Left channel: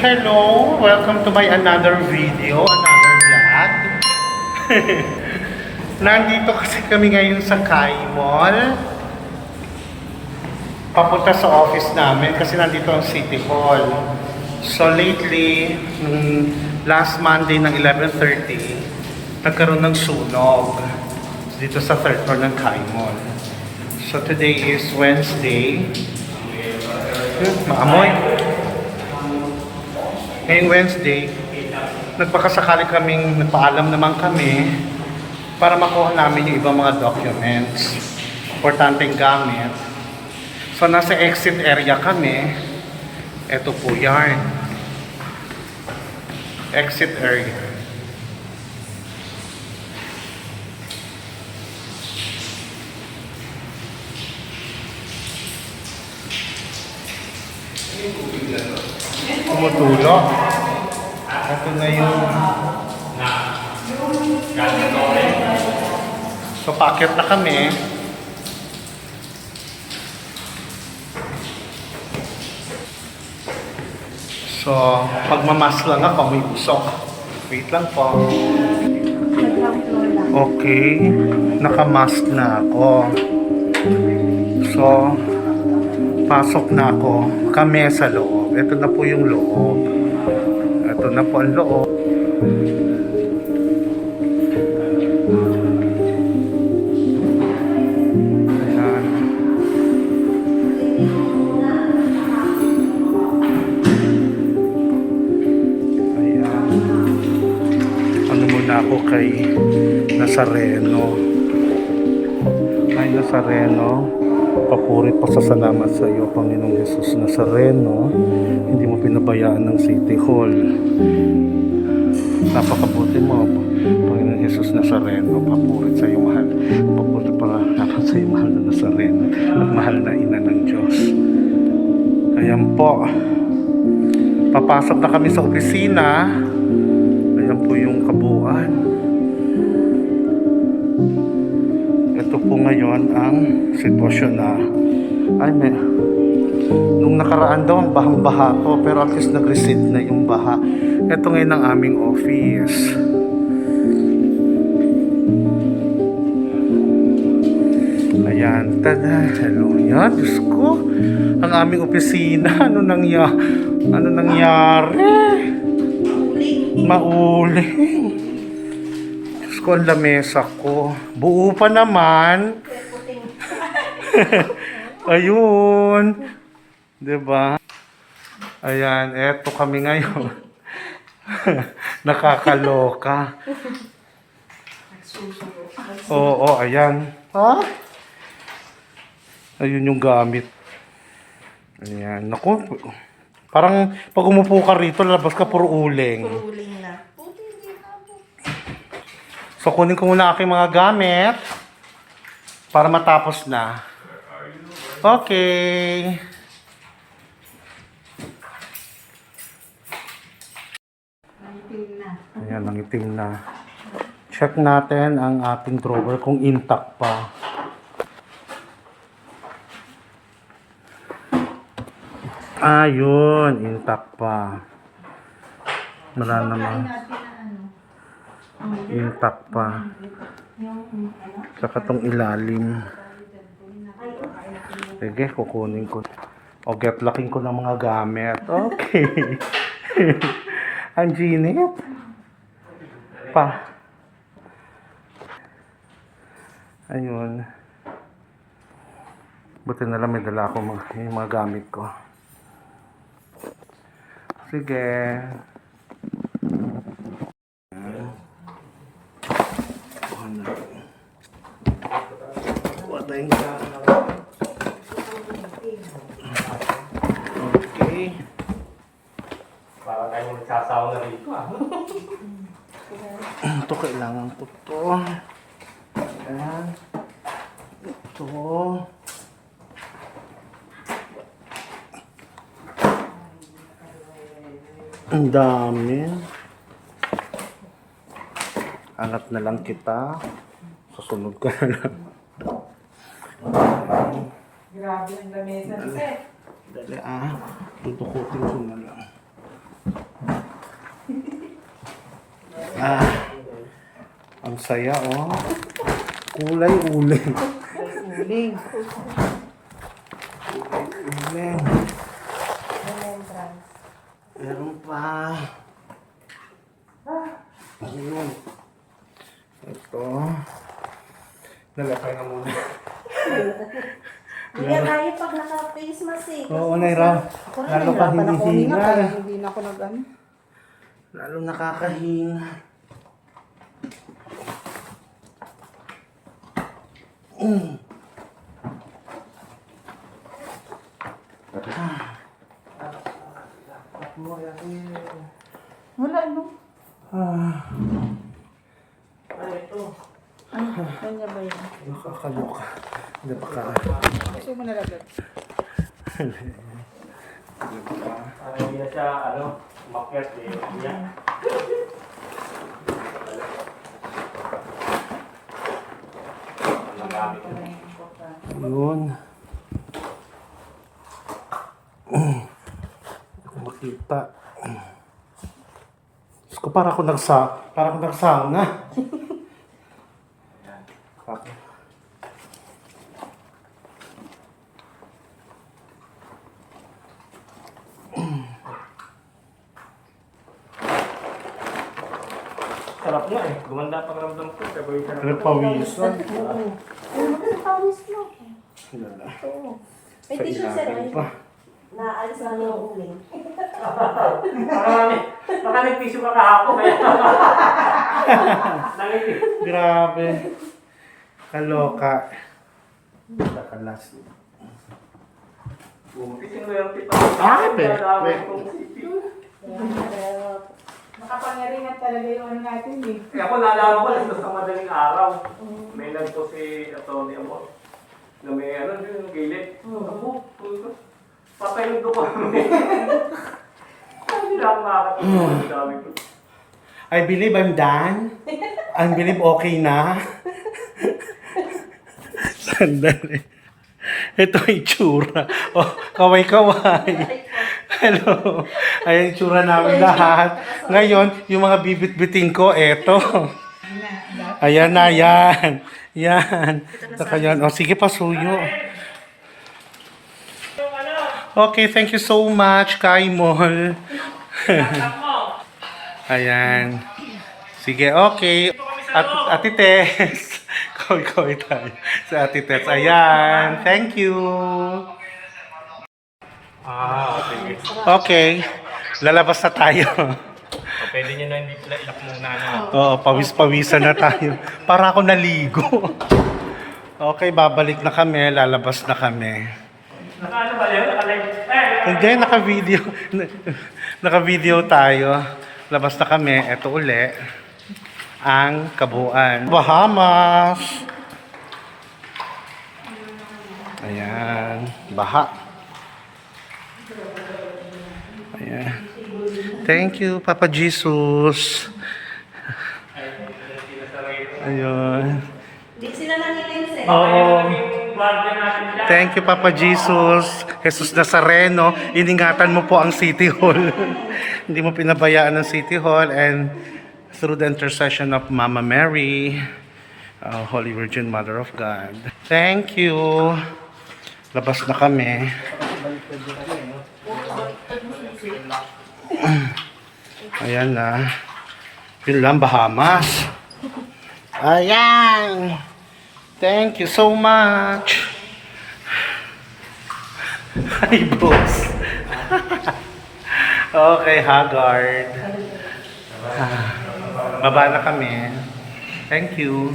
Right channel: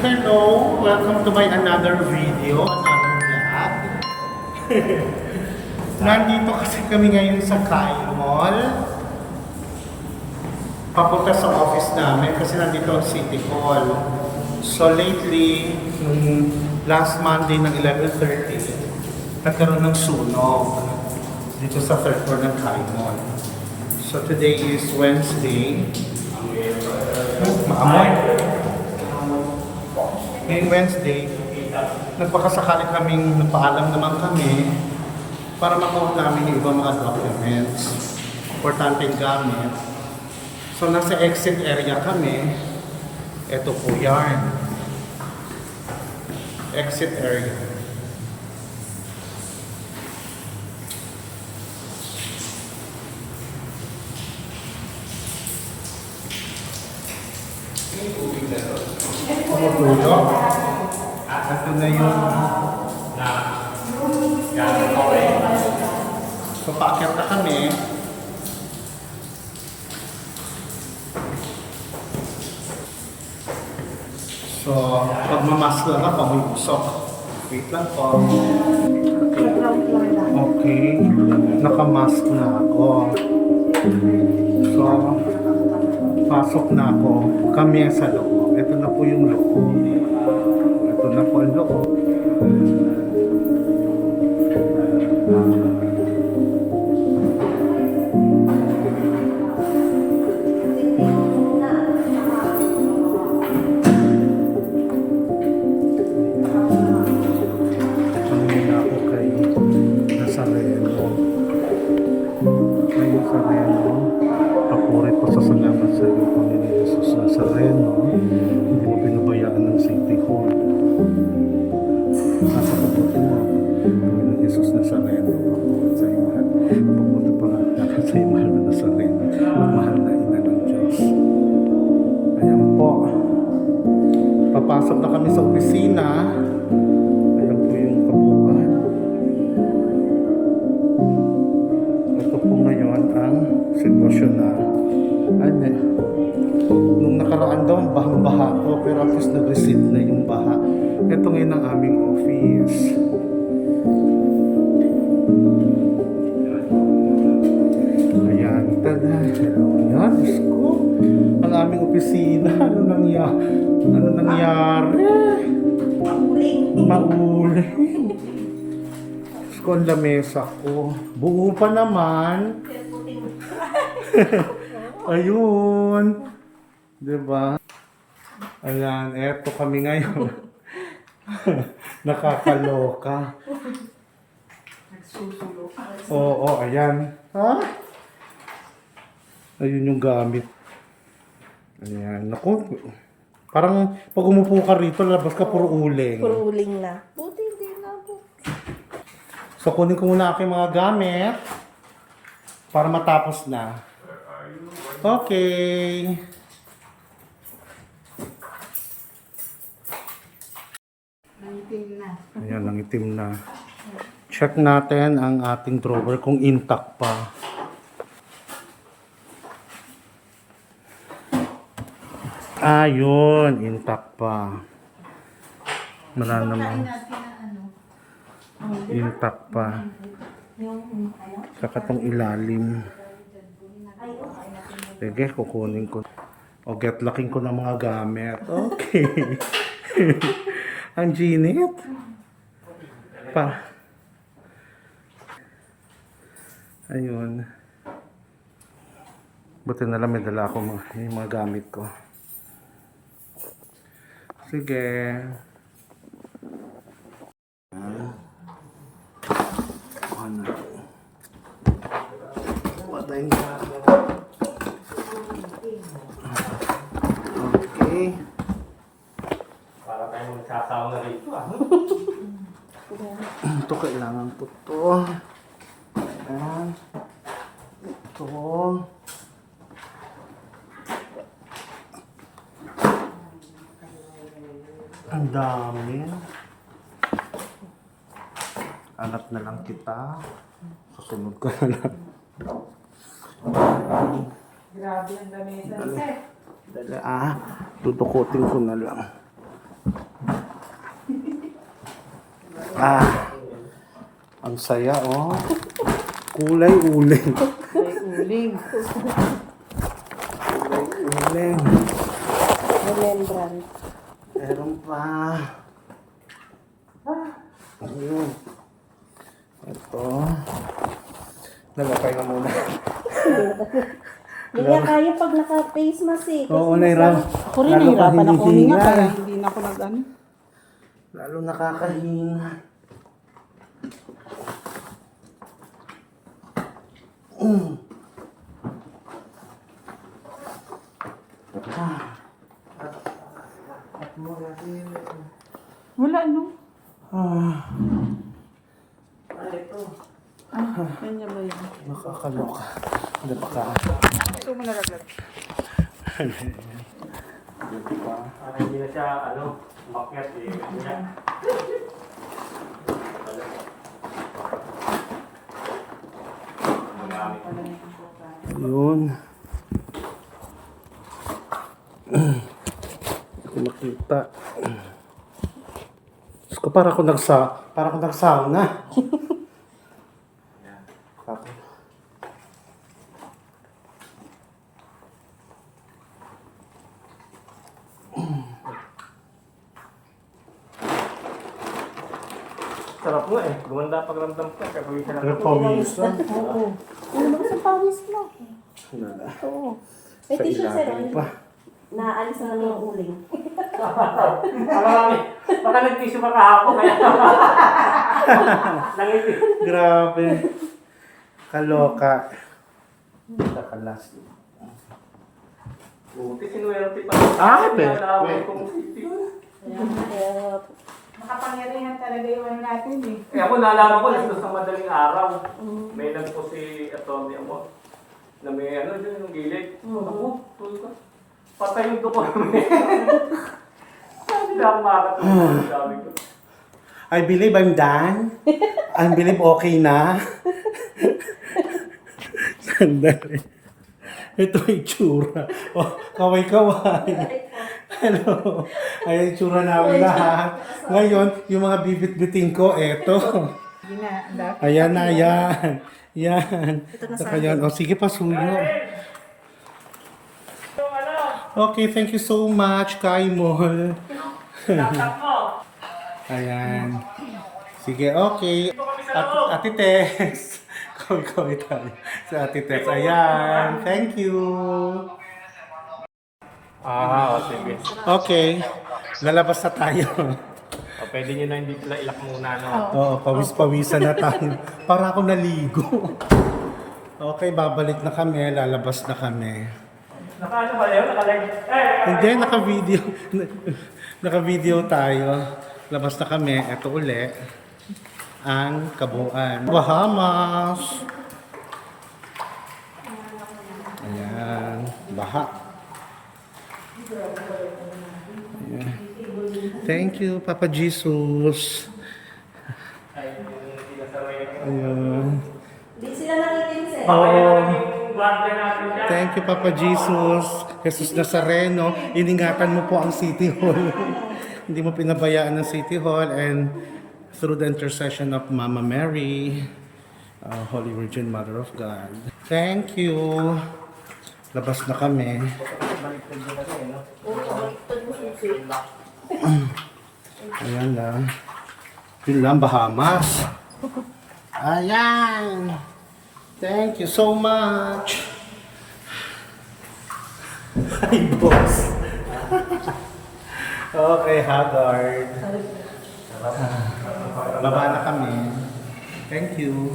Hello! Welcome to my another video, another vlog. Nandito kasi kami ngayon sa Kai Mall. Papunta sa office namin kasi nandito ang City Hall. So lately, nung last Monday ng 11:30, nagkaroon ng sunog dito sa third floor ng Kai Mall. So today is Wednesday. Maamoy. Ngayong Wednesday, nagpaalam naman kami para makuha namin yung ibang mga documents, importanteng gamit. So nasa exit area kami. Ito po yan. Exit area. Tumutulo. Ito na yung so paakyat na kami. So pagmamas lang ako, may usok. Wait lang po. Okay, nakamask na ako. So pasok na ako. Kami sa loob. Ito na po yung loob. Ito na po ang loob. Ayan. Ayan. Ano muna ako kay Nazareno. Ay, Nazareno. Papuri pa sa salamat sa iyo, Panginoong Jesus Nazareno. Hindi mo pinabayaan ng City Hall. Napakabuti mo, Panginoong Jesus Nazareno. Papuri sa iyo, mahal. Papuri pa dapat sa iyo, mahal na Nazareno. At mahal na ina ng Diyos. Ayan po. Papasok na kami sa opisina. Ayan po yung kabuuan. Ito po ngayon ang sitwasyon na nung nakaraan daw ang bahang-baha to, pero at least nag-recede na yung baha. Ito ngayon ang aming office. Ayan, tada, hello yan, Diyos ko, ang aming opisina. Ano nangyari? Mauling. Diyos ko, ang lamesa ko. Buo pa naman. Ayun. Diba? Ayan, eto kami ngayon. Nakakaloka. Oo, ayan. Ha? Ayun yung gamit. Ayan. Naku, parang pag umupo ka rito, labas ka puro uling. Puro uling na. So, kunin ko muna aking mga gamit para matapos na. Okay. Ayan, ang itim na. Check natin ang ating drawer kung intact pa. Ayun, intact pa. Wala naman. Intact pa. Saka tong ilalim. Sige, kukunin ko. O get looking ko ng mga gamit. Okay. Ang ginit. Ayun. Buti na lang may dala ako yung mga gamit ko. Sige. Tayong gano'n. Okay. Para tayo magsasaw na rito, ano? Ito, kailangan ko to. Ayan. Ito. Ang dami. Hanap na lang kita. Susunod ko na lang. Grabe ang lamesa. Dali. Tutukutin ko na lang. Ah, ang saya, oh. Kulay uling. Uling. Uling. Remembrance. Meron pa. Ayun. Ito. Nalapay na muna. Hindi na kaya pag naka-face mask eh. Oo, Naira. Ako rin nahirapan ako huminga kaya hindi na ako nag-ano. Lalo nakakahinga. Wala no. Ay, ito. Kanya ba yun? Nakakaloka. Hindi pa ka. Ito mo nalaglag. Hindi pa ka. Hindi na siya, umakyat eh. Yan. Ayun. Hindi makita. Diyos ko, para akong nagsauna. Tapos. Sarap nga eh. Gumanda pakiramdam ko. Nagpawisan. Oo. Ano sa tawis mo? Wala. Oo. Sa ilalim pa. Naalis na yung uling. Baka nag-tissue pa kahapon. Kaya nangipin. Grabe. Kaloka. Nakalas. Sinuwerte pa. Ah, be. Makapangyarihan talaga yung ano natin eh. Eh ako nalaman ko ito sa madaling araw. May lang po si Tony Amor. Na may yung gilid. Ako, patay nito ko. Hindi lang makakatawa. Sabi ko. I believe I'm done. I believe okay na. Sandali. Ito yung tsura. Oh, kaway-kaway. Hello. Ayan yung tsura namin lahat. Ngayon, yung mga bibit-biting ko, eto. Ayan na, yan. Yan. Saka yan. O, sige, pasuyo. Okay, thank you so much, Kaimol. Ayan. Sige, okay. Ate Tess. Kaway-kaway tayo. Sa Ate Tess. Ayan. Thank you. Okay. Okay. Lalabas na tayo. Pwede nyo na hindi pala ilak muna na. Oo, pawis-pawisan na tayo. Para ako naligo. Okay, babalik na kami. Lalabas na kami. Naka-ano ba yun? Naka-live? Hindi, naka-video. Naka-video tayo. Labas na kami. Ito uli. Ang kabuuan. Bahamas. Ayan. Baha. Ayan. Thank you, Papa Jesus. Ayun. Di sila nangitin eh. Oo. Thank you, Papa Jesus. Jesus Nazareno, iningatan mo po ang City Hall. Hindi mo pinabayaan ang City Hall, and through the intercession of Mama Mary, Holy Virgin Mother of God. Thank you. Labas na kami. Ayan na. Yun lang, Bahamas. Ayan. Thank you so much. Hi, boss. Okay, Haggard. Baba na kami. Thank you.